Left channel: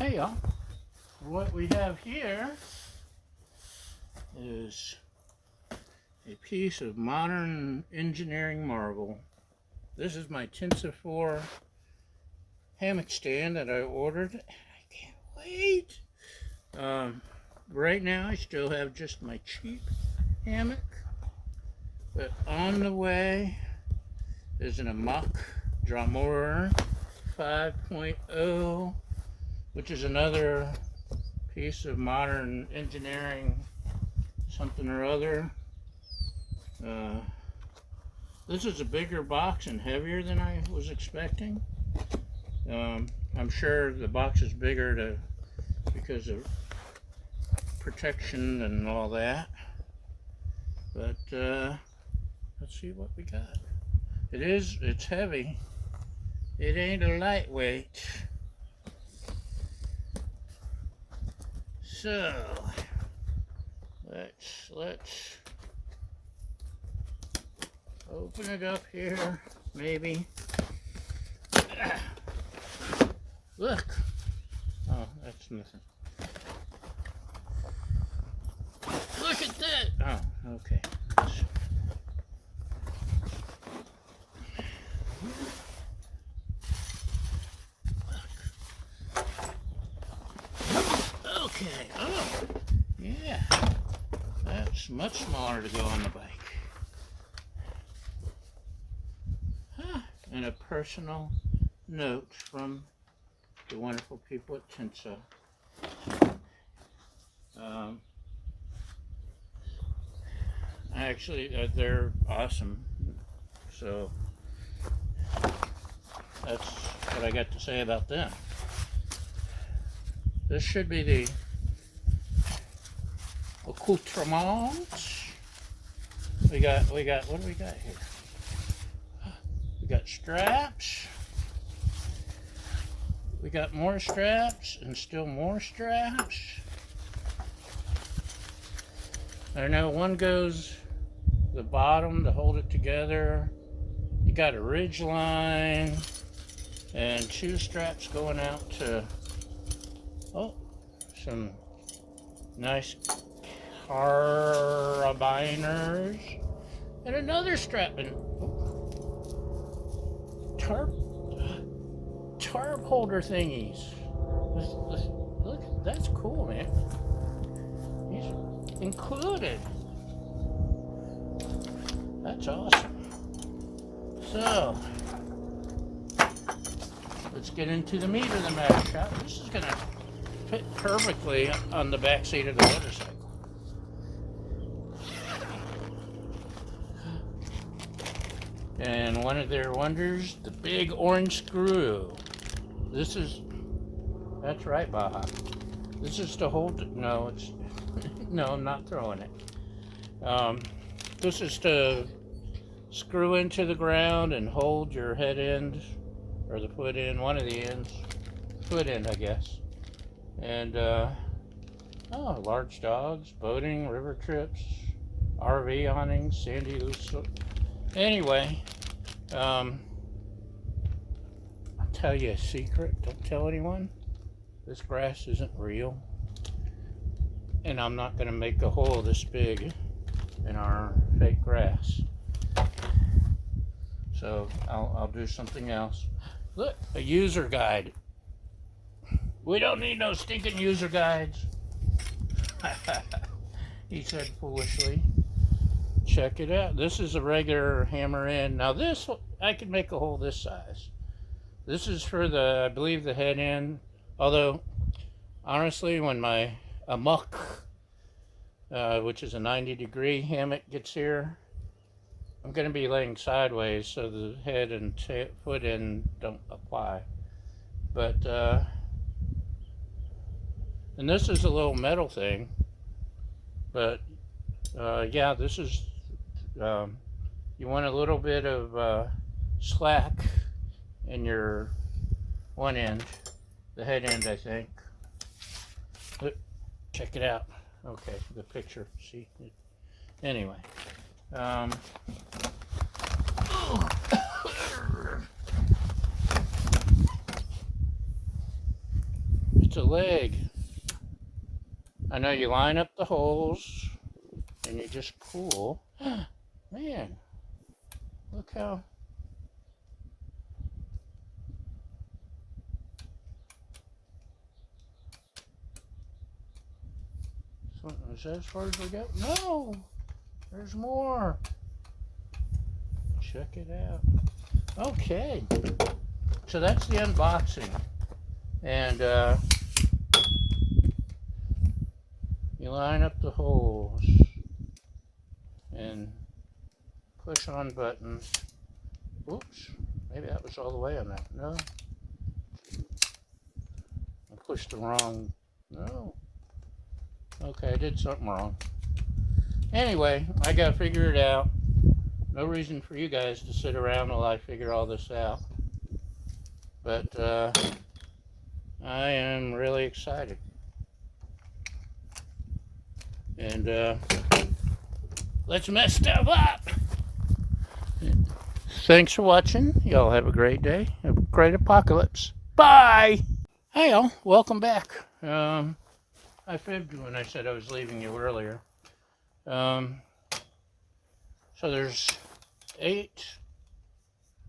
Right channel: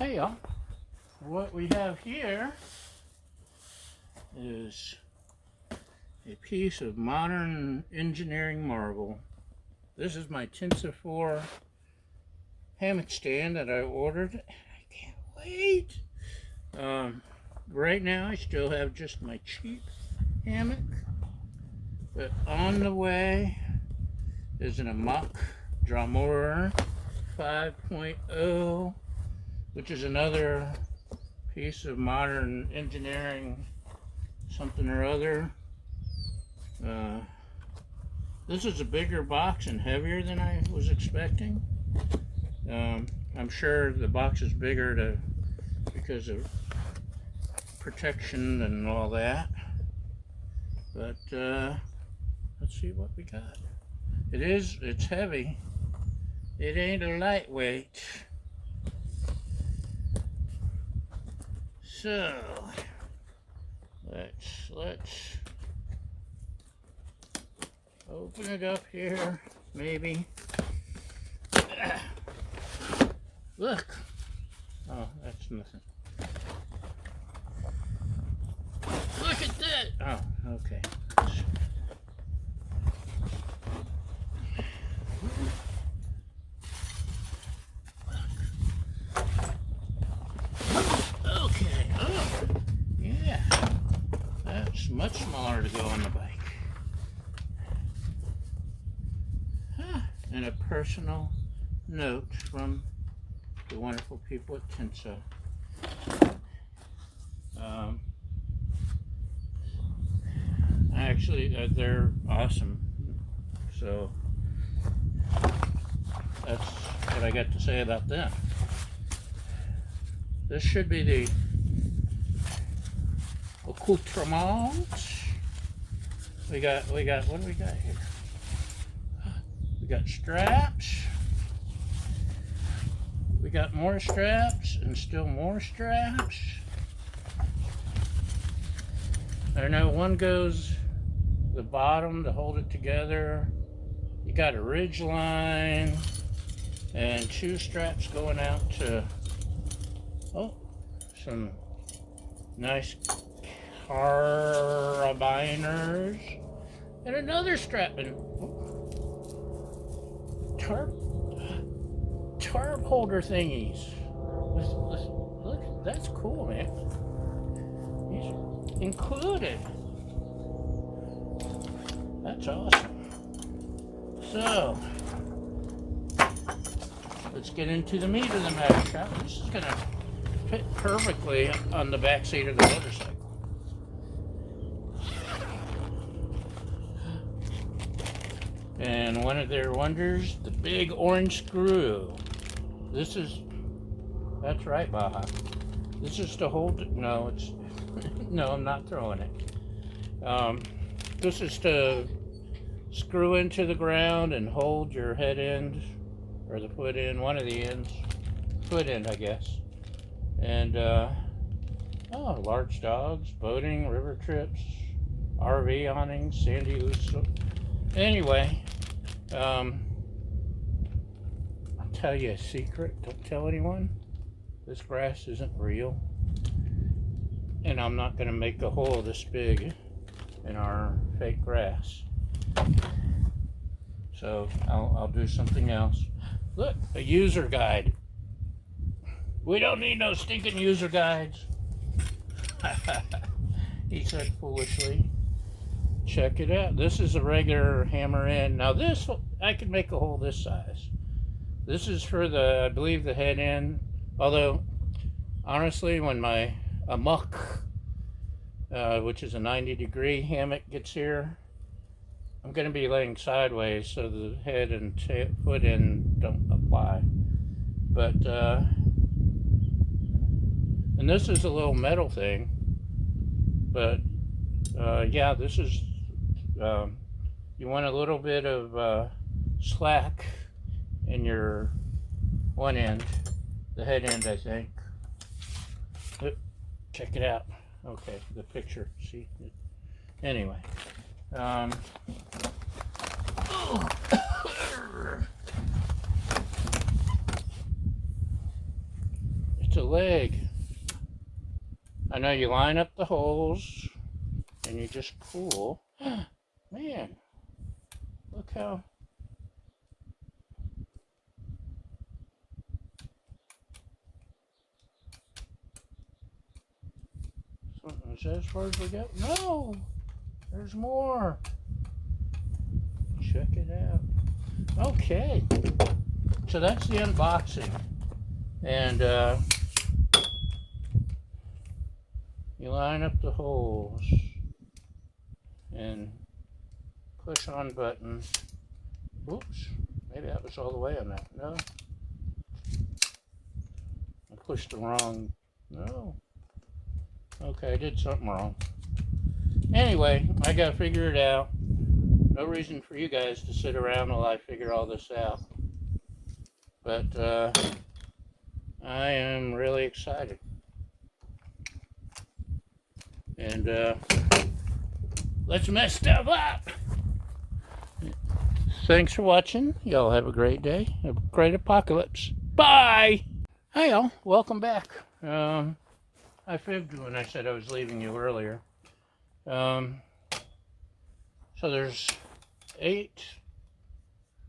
Hey y'all, what we have here is a piece of modern engineering marvel. This is my Tensa4 hammock stand that I ordered. I can't wait. Right now I still have just my cheap hammock, but on the way is an Hammock Drummer 5.0, which is another piece of modern engineering something or other. This is a bigger box and heavier than I was expecting. I'm sure the box is bigger because of protection and all that. But let's see what we got. It's heavy. It ain't a lightweight. So let's open it up here, maybe. Look. Oh, that's nothing. Look at that. Oh, okay. Okay. Oh, yeah. That's much smaller to go on the bike. And a personal note from the wonderful people at Tensa. Actually, they're awesome. So that's what I got to say about them. This should be the accoutrement. We got. What do we got here? We got straps. We got more straps and still more straps. I know one goes the bottom to hold it together. You got a ridge line and two straps going out to some nice carabiners and another strap and tarp holder thingies. Look, that's cool, man. These included. That's awesome. So let's get into the meat of the matter, shall we? This is gonna fit perfectly on the back seat of the motorcycle. And one of their wonders, the big orange screw. That's right, Baja. This is to hold it. No, no, I'm not throwing it. This is to screw into the ground and hold your head end, or the foot end, one of the ends. Foot end, I guess. And, large dogs, boating, river trips, RV awnings, sandy loose. Anyway, I'll tell you a secret. Don't tell anyone. This brass isn't real. And I'm not going to make a hole this big in our fake grass. So I'll do something else. Look, a user guide. We don't need no stinking user guides. He said foolishly. Check it out. This is a regular hammer in. Now this, I could make a hole this size. This is for I believe the head end. Although, honestly, when my Hammock, which is a 90-degree hammock, gets here, I'm going to be laying sideways so the head and foot end don't apply. But, and this is a little metal thing. But, yeah, this is, you want a little bit of slack in your one end, the head end, I think. Look, check it out. Okay, the picture, see? Anyway. needs a leg. I know you line up the holes and you just pull. Man, look how. Is that as far as we go? No, there's more. Check it out. Okay, so that's the unboxing. And you line up the holes and push on buttons. Oops, maybe that was all the way on that. No, I pushed the wrong. No. Okay, I did something wrong. Anyway, I gotta figure it out. No reason for you guys to sit around while I figure all this out. But I am really excited. And let's mess stuff up. Thanks for watching. Y'all have a great day. A great apocalypse. Bye! Hi y'all, welcome back. I fibbed when I said I was leaving you earlier. So there's 8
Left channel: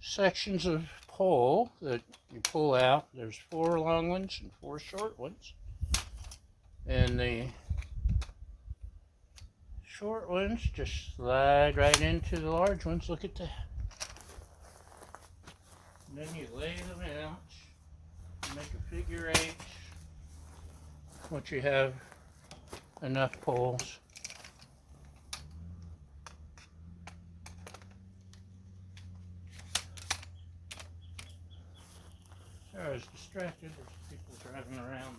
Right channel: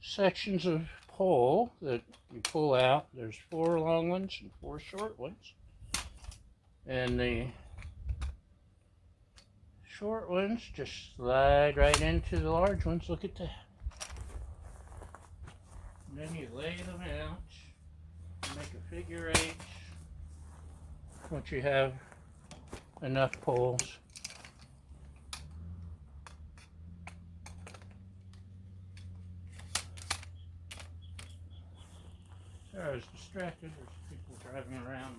sections of pole that you pull out. There's 4 long ones and 4 short ones. And the short ones just slide right into the large ones. Look at that. And then you lay them out. You make a figure 8. Once you have enough poles. Sorry, I was distracted. There's people driving around.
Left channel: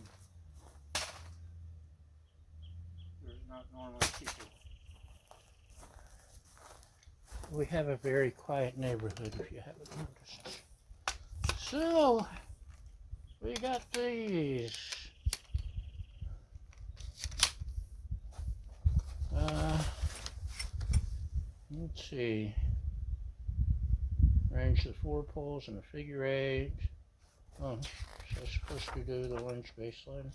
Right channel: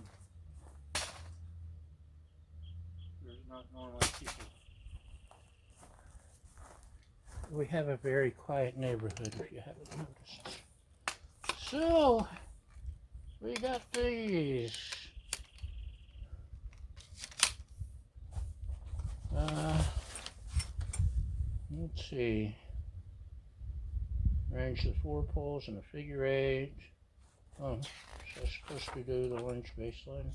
There's not normally people. We have a very quiet neighborhood, if you haven't noticed. So, we got these. Let's see. Arrange the 4 poles in a figure 8. Oh, so I'm supposed to do the orange baseline.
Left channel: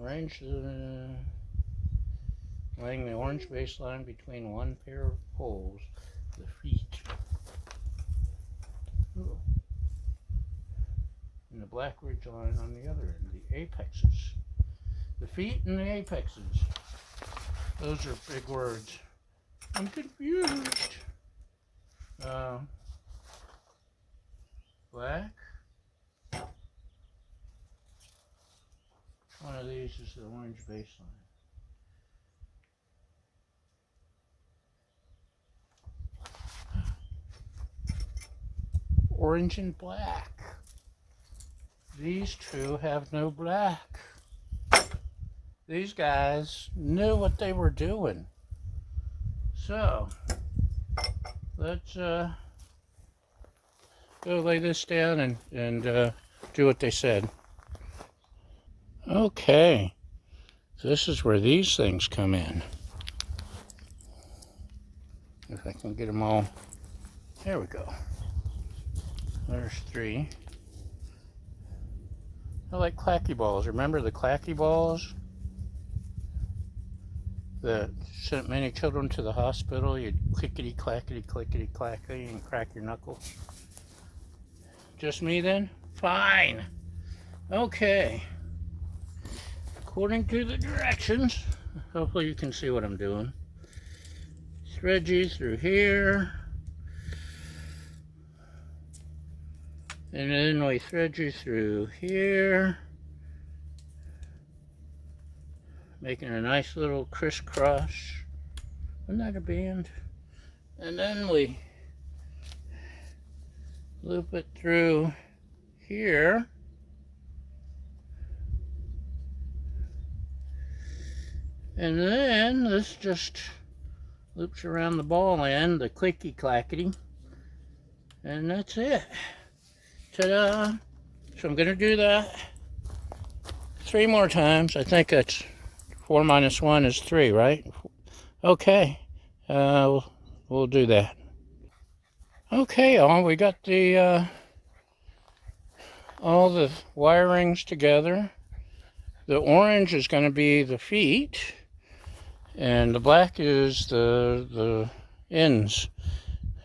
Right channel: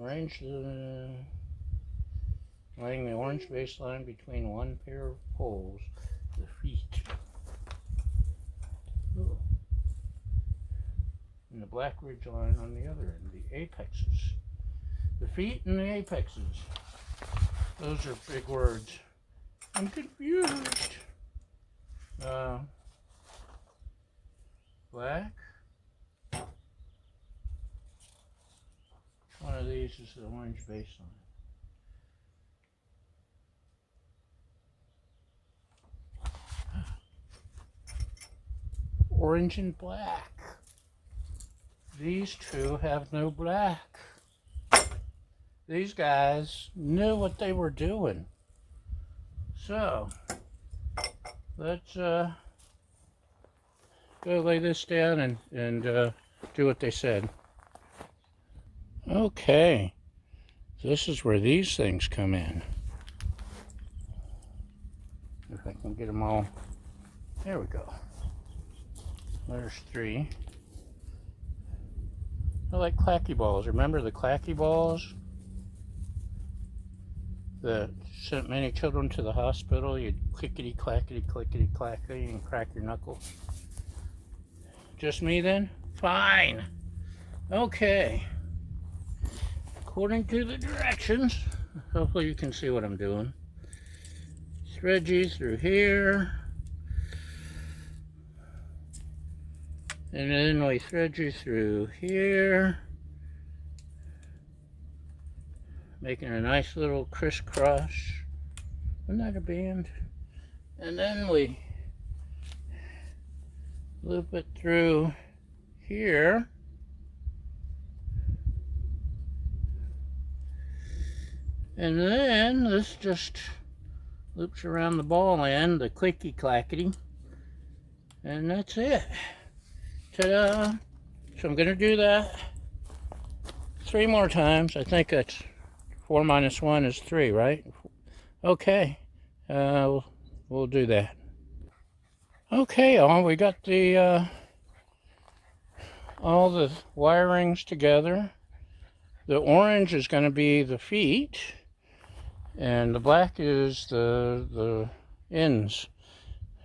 Arrange laying the orange baseline between 1 pair of poles, the feet. Ooh. And the black ridge line on the other end, the apexes. The feet and the apexes. Those are big words. I'm confused. Black. One of these is the orange baseline. Orange and black. These 2 have no black. These guys knew what they were doing. So, let's go lay this down and do what they said. Okay, so this is where these things come in. If I can get them all. There we go. There's 3. I like clacky balls. Remember the clacky balls that sent many children to the hospital? You'd clickety clackety clickety clackety and crack your knuckle. Just me then? Fine. Okay. According to the directions, hopefully you can see what I'm doing. Thread you through here. And then we thread you through here, making a nice little crisscross. Isn't that a band? And then we loop it through here. And then this just loops around the ball end, the clicky clackety. And that's it. Ta-da! So I'm going to do that 3 more times. I think that's 4 minus 1 is 3, right? Okay, we'll do that. Okay, y'all, we got the all the wirings together. The orange is going to be the feet, and the black is the ends.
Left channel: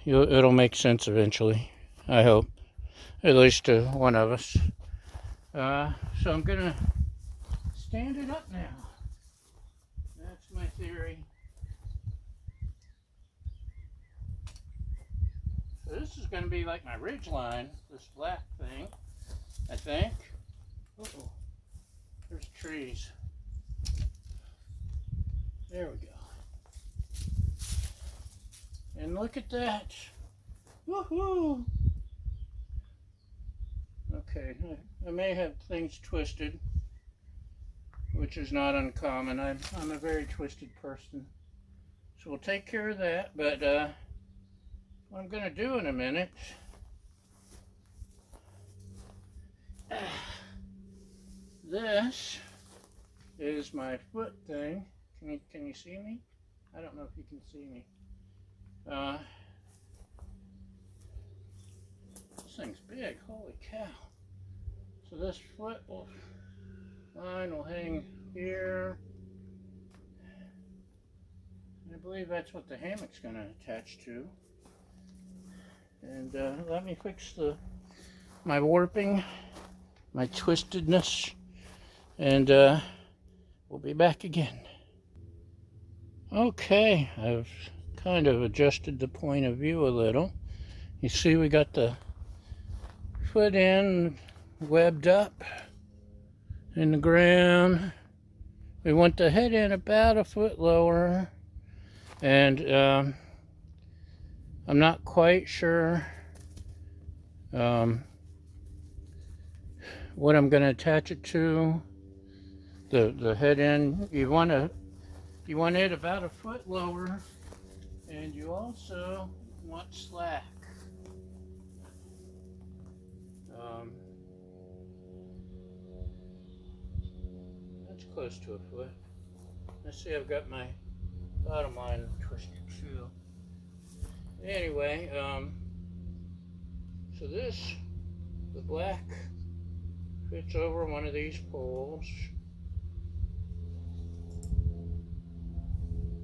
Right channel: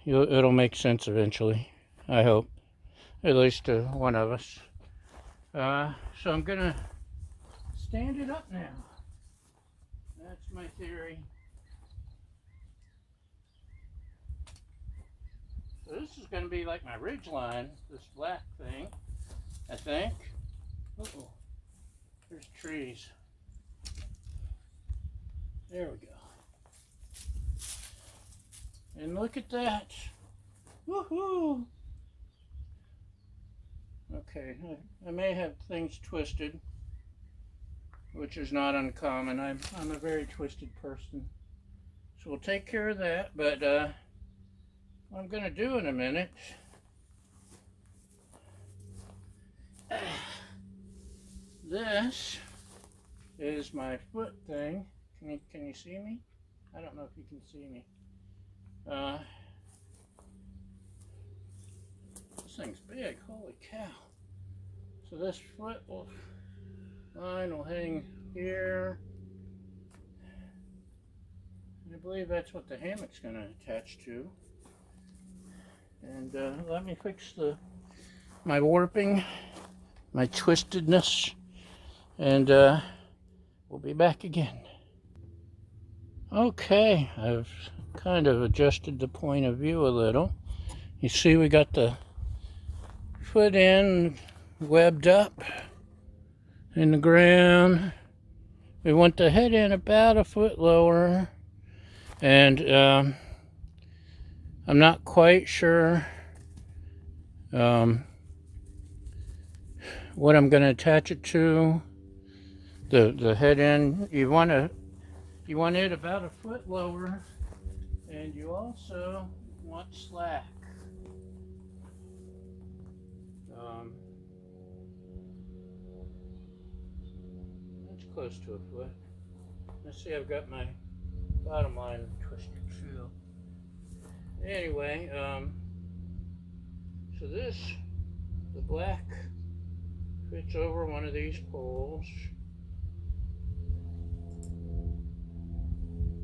It'll make sense eventually, I hope, at least to one of us. So I'm going to stand it up now. That's my theory. So this is going to be like my ridge line, this black thing, I think. Uh-oh, there's trees. There we go. And look at that. Woohoo! Okay, I may have things twisted, which is not uncommon. I'm a very twisted person. So we'll take care of that, but what I'm going to do in a minute, this is my foot thing. Can you see me? I don't know if you can see me. This thing's big, holy cow. So this foot line will hang here. I believe that's what the hammock's going to attach to. And let me fix my warping, my twistedness, and we'll be back again. Okay, I've kind of adjusted the point of view a little. You see we got the foot end webbed up in the ground. We want the head end about a foot lower, and I'm not quite sure what I'm going to attach it to. The head end, you want it about a foot lower, and you also want slack. That's close to a foot. Let's see, I've got my bottom line twisted too. Anyway, so the black fits over one of these poles.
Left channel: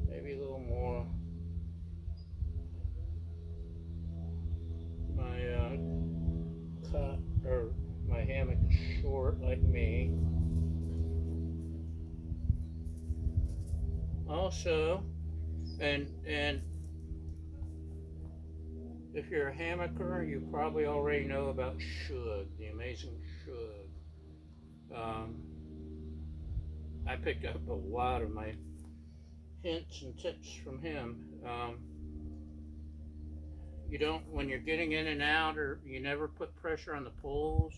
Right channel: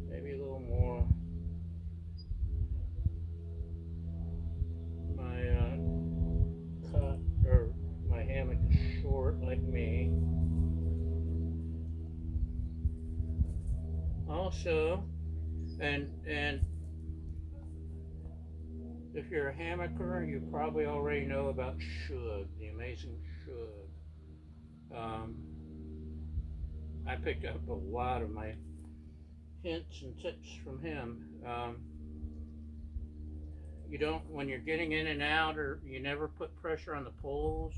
Maybe a little more. My hammock is short like me. Also, and if you're a hammocker, you probably already know about Shug, the amazing Shug. I picked up a lot of my hints and tips from him. You don't, when you're getting in and out, or you never put pressure on the poles,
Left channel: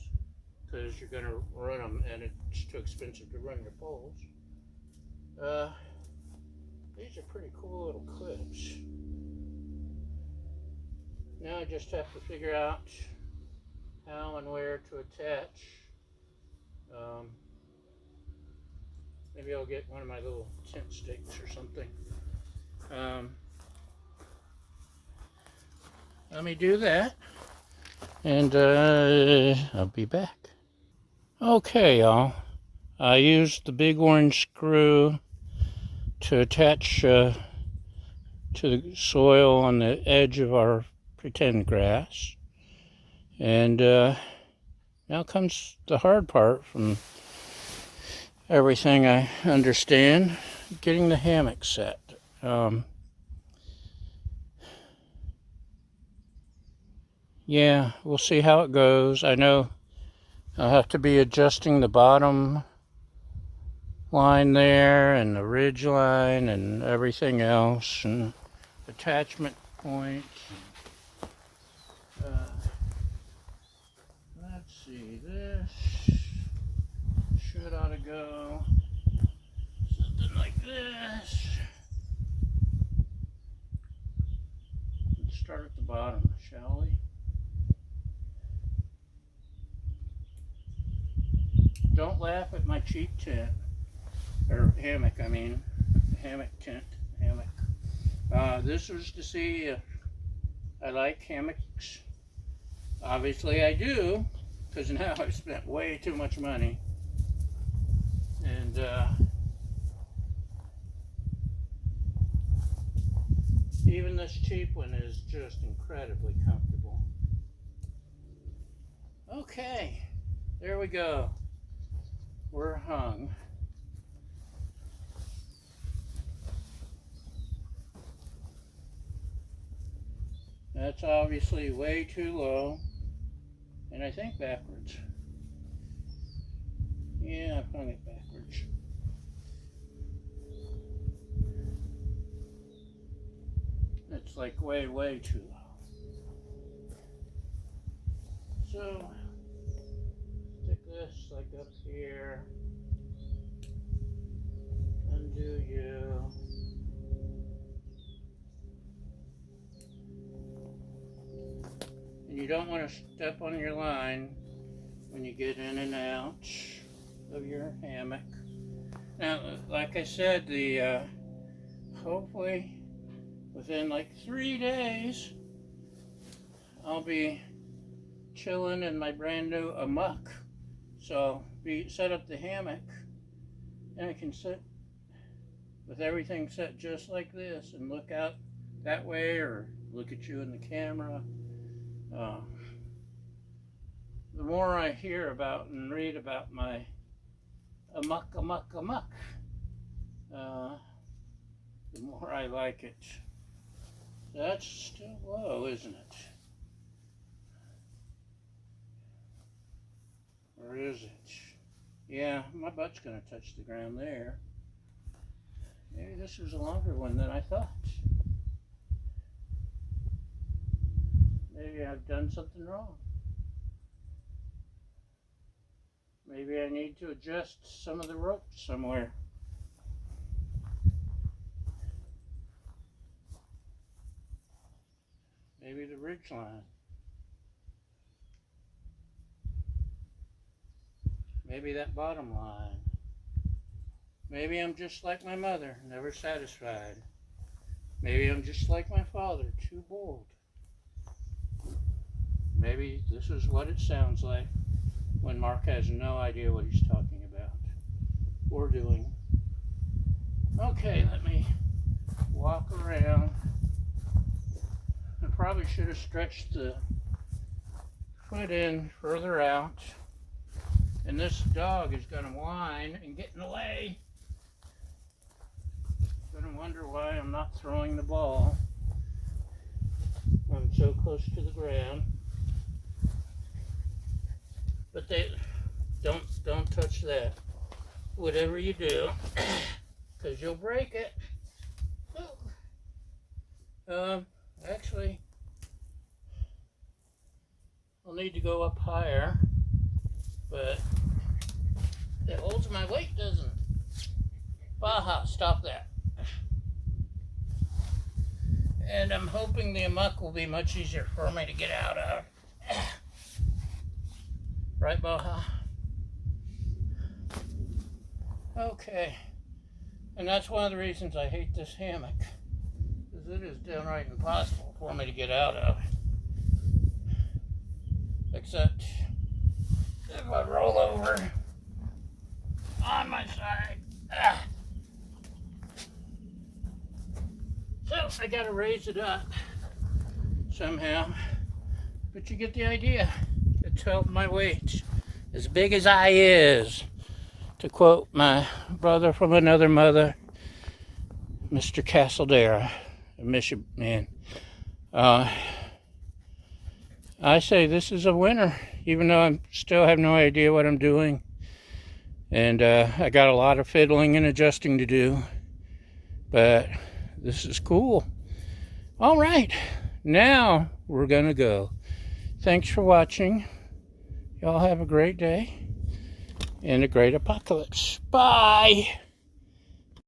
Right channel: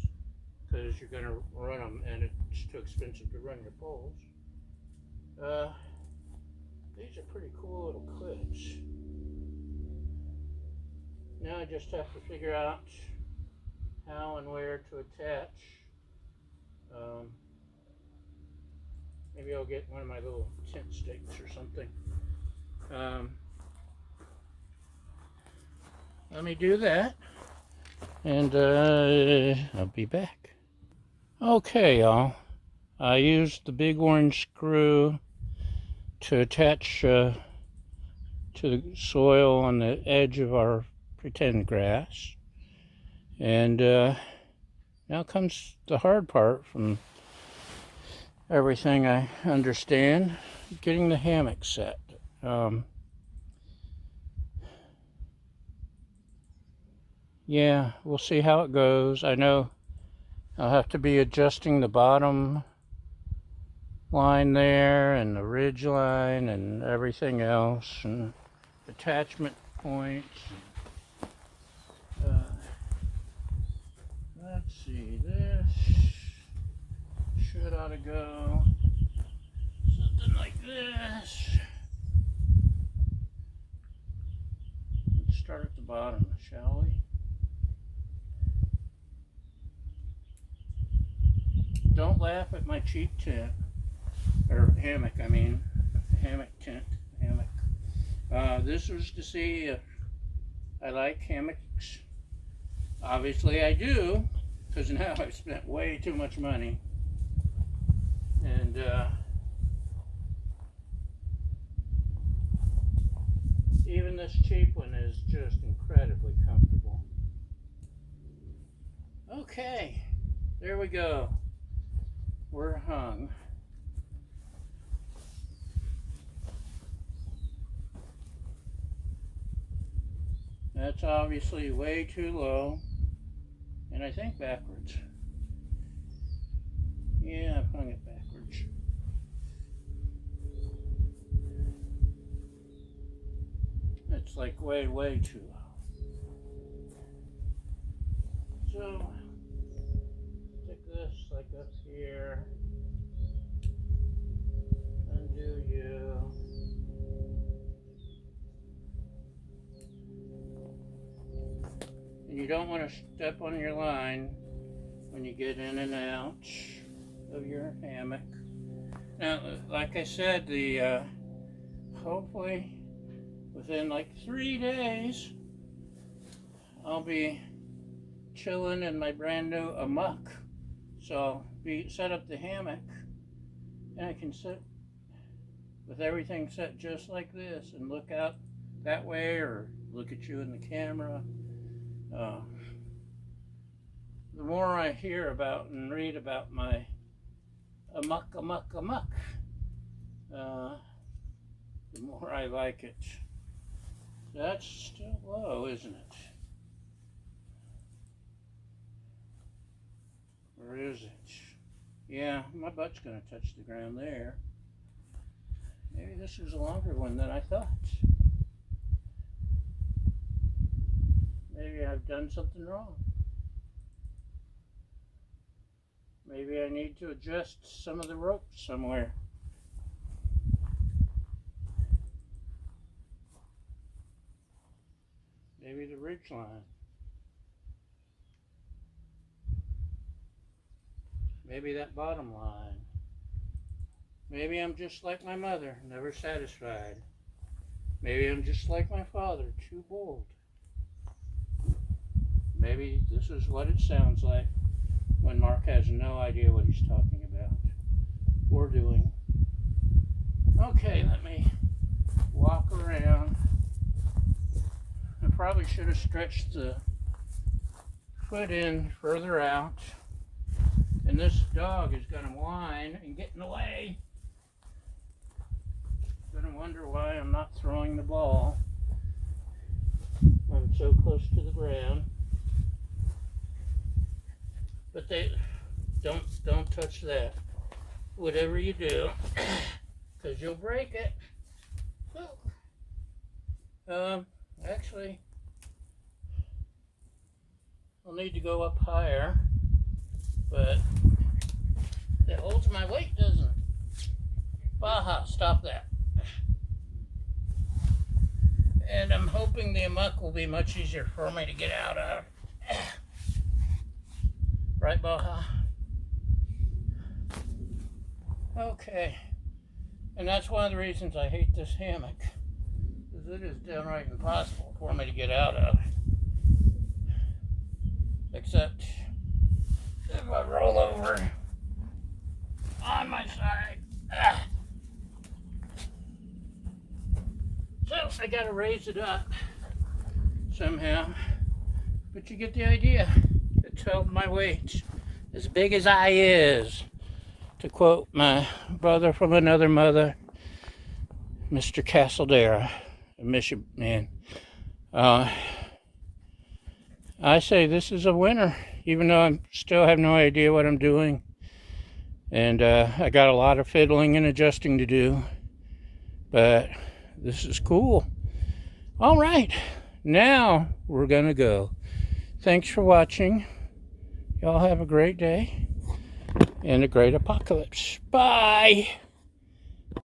because you're going to run them, and it's too expensive to run your poles. These are pretty cool little clips. Now I just have to figure out how and where to attach. Maybe I'll get one of my little tent stakes or something. Let me do that, and I'll be back. Okay, y'all. I used the big orange screw to attach to the soil on the edge of our pretend grass. And now comes the hard part from everything I understand, getting the hammock set. Yeah, we'll see how it goes. I know I'll have to be adjusting the bottom line there and the ridge line and everything else, and attachment points. Let's see, this ought to go something like this. Let's start at the bottom, shall we? Don't laugh at my cheap tent, or hammock, I mean, hammock tent, hammock. This was to see if I like hammocks. Obviously I do. because now I've spent way too much money. And even this cheap one is just incredibly comfortable. Okay, there we go. We're hung. That's obviously way too low, and I think backwards. Yeah, I've hung it backwards. It's like way, way too low. So, stick this like up here. Undo you. And you don't want to step on your line when you get in and out of your hammock. Now, like I said, the hopefully within like 3 days, I'll be chilling in my brand new Hammock. So set up the hammock, and I can sit with everything set just like this and look out that way or look at you in the camera. The more I hear about and read about my Hammock, the more I like it. That's still low, isn't it? Or is it? Yeah, my butt's gonna touch the ground there. Maybe this was a longer one than I thought. Maybe I've done something wrong. Maybe I need to adjust some of the rope somewhere. Maybe the ridge line. Maybe that bottom line. Maybe I'm just like my mother, never satisfied. Maybe I'm just like my father, too bold. Maybe this is what it sounds like when Mark has no idea what he's talking about or doing. Okay, let me walk around. I probably should have stretched the foot in further out. And this dog is going to whine and get in the way. Going to wonder why I'm not throwing the ball. I'm so close to the ground. But they don't touch that. Whatever you do, because you'll break it. Actually, I'll need to go up higher, but it holds my weight, doesn't it? Baja, stop that. And I'm hoping the Hammock will be much easier for me to get out of. Right, Baja? Okay. And that's one of the reasons I hate this hammock, because it is downright impossible for me to get out of. Except if I roll over on my side. So I gotta raise it up somehow. But you get the idea. It's held my weight as big as I is. To quote my brother from another mother, Mr. Castledera, I miss you, man. I say this is a winner, even though I still have no idea what I'm doing. And I got a lot of fiddling and adjusting to do. But this is cool. All right, now we're gonna go. Thanks for watching. Y'all have a great day and a great apocalypse. Bye.